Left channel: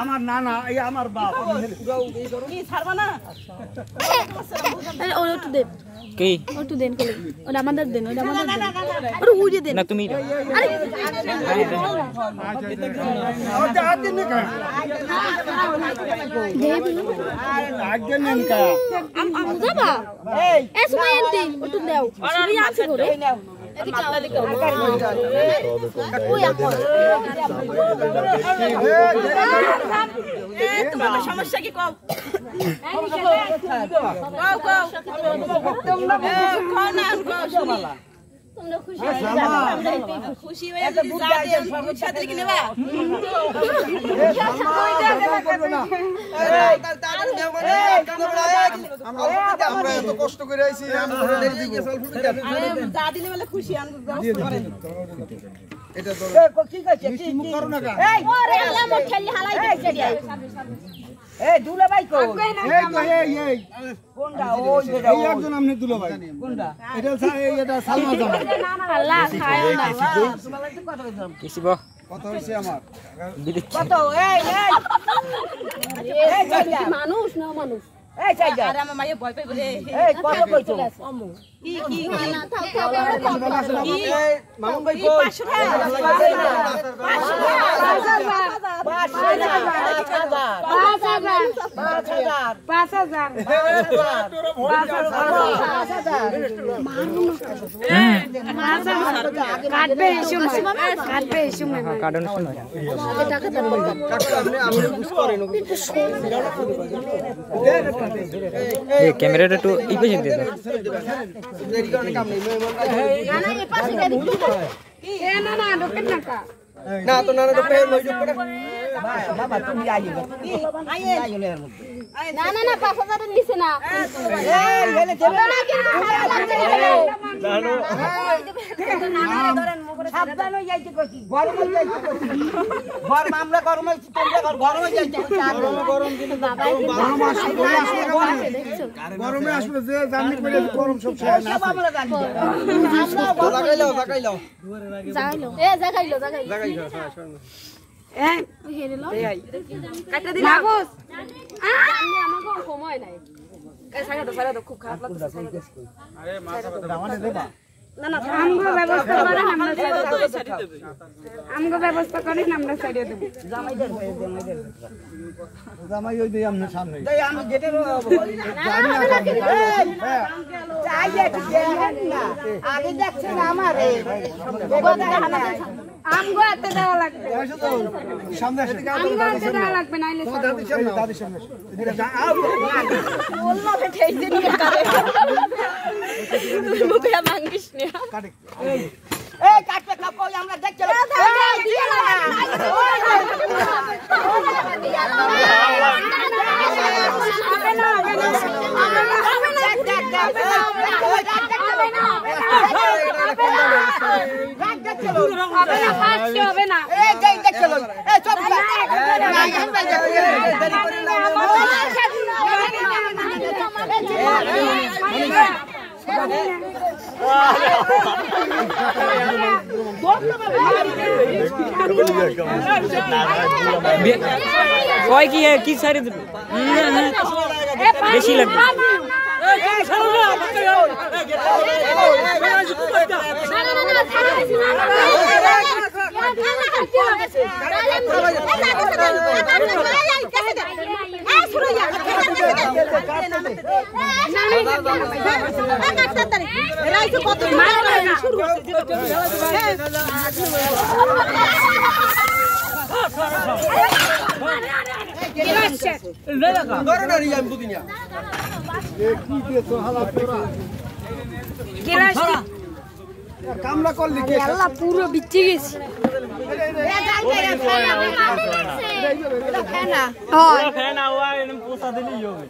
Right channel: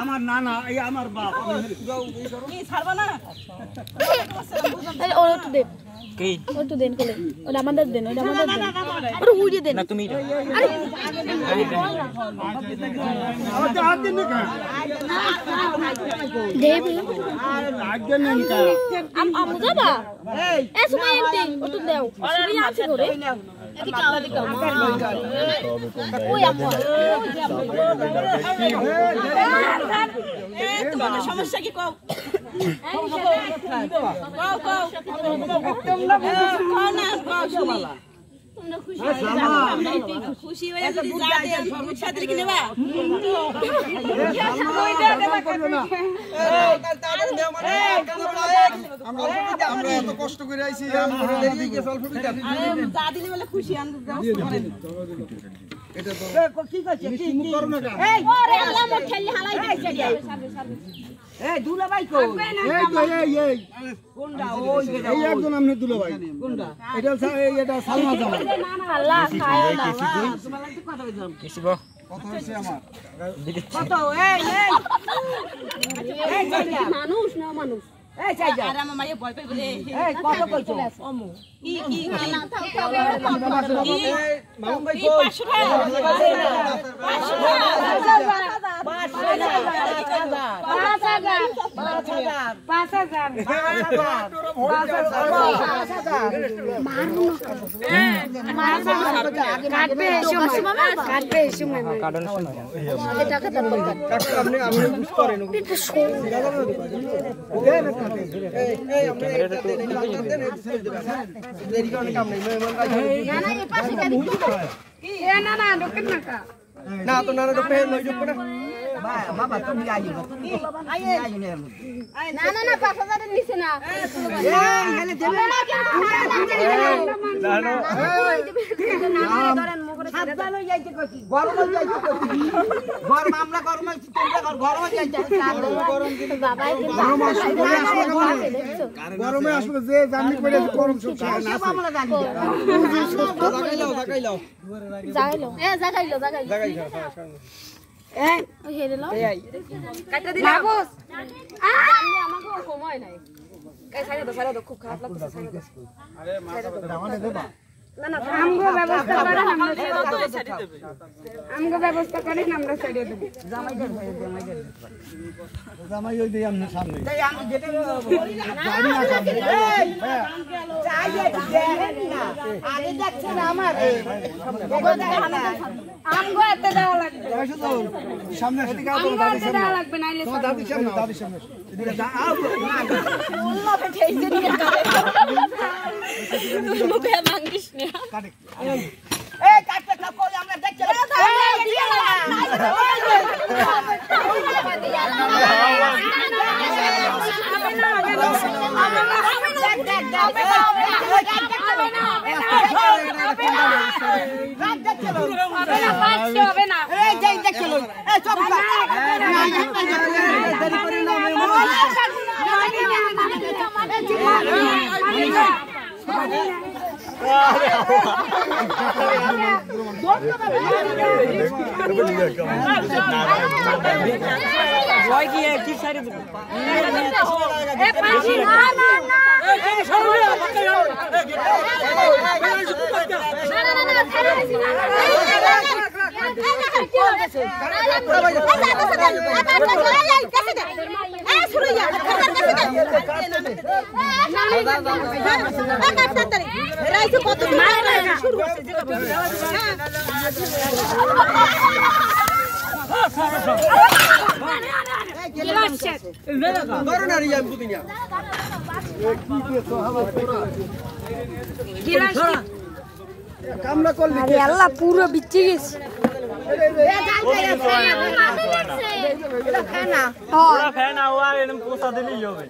আমার নানা এই আমার বাপ ছাড়বা না ওরা একটু দেন কি একটু দেন কোলে ওটা আমাদের দেন ওটা আমাদের দেন ওটা উড়িয়ে দেন না তুমি আরে দেবি আগে নেন কা আমু যাবা এই সময় আনতে একটু দাও ওই আছে করে এদিকে আও এদিকে ওই আপু তোমার সমস্যা কি কও খুশি হয়ে কষ্ট করে আইছি খুশি এই দুলাভাই কো এই তো এই কোনটা ওই এই একজন আমনে দুলাভাই কোনটা এটা এটা সালমা জামাই আল্লাহ খায় না কিছি গো কথা হইছে আমার কত এই এই মানুষ না মানুষ এই চাইজা আরে আমার মাইয়া ভয় পাইবে এই কত কইছো অমু কি না থাক কি মামুন ভাই কো 500 ক্যামেরাটা একটু ই পেছন দিন না তো নানা তো পেয়ে লই যাবে বাবা তুমি আইও আইও না না না 5000 এর নিচে না এই এখানে দেবে না সাবধান হয়ে যাইতে কইছি গরম হয়ে যাইতে কইছি গরম আমরা গরম হইছি তোমরা গরম হয়ে যাইতে গরম দিন বাবাই কিন্তু গরমে আসলে যে জানি করে গরম সব খায় না লাগাইলো যাইলো এ জাগাইলো এই ওই হেরে লো কাটা দিলা মাগস আমি আমাকে সময় নাই কাই সাইরা দাও খুব খারাপ লাগতেছে আরে মা আমারে দেবা না না আমগো ব্যবস্থা করেন আমরা সাইডে দেব আমগো ব্যবস্থা করেন আমরা সাইডে দেব জামাই ওই দেই আমনে সামনে তাই আমি গেটে জানি না চাই দেখেন না আগে দেখছেন আমারে আমগো এত দেওয়া লাগবে এসো তো সামনে এসে আমগো এত দেওয়া লাগবে নাইলে তোমার দাদির সামনে এদিকে যা বললো তো ঠিক দিয়ে করে তুই মুখে ভাঙিস না কাটে এই কাটবে না কই আমরা দেখতে দিয়ে হবে না এই যাই দেখতে লই এই চল দেরি করে না ওই কি সাইডে দেব বেশি লাগবে কামলা করলি আল্লাহ পুরো বিচ্ছি গেছে ফেনা ও আর পোষা দিলেই হবে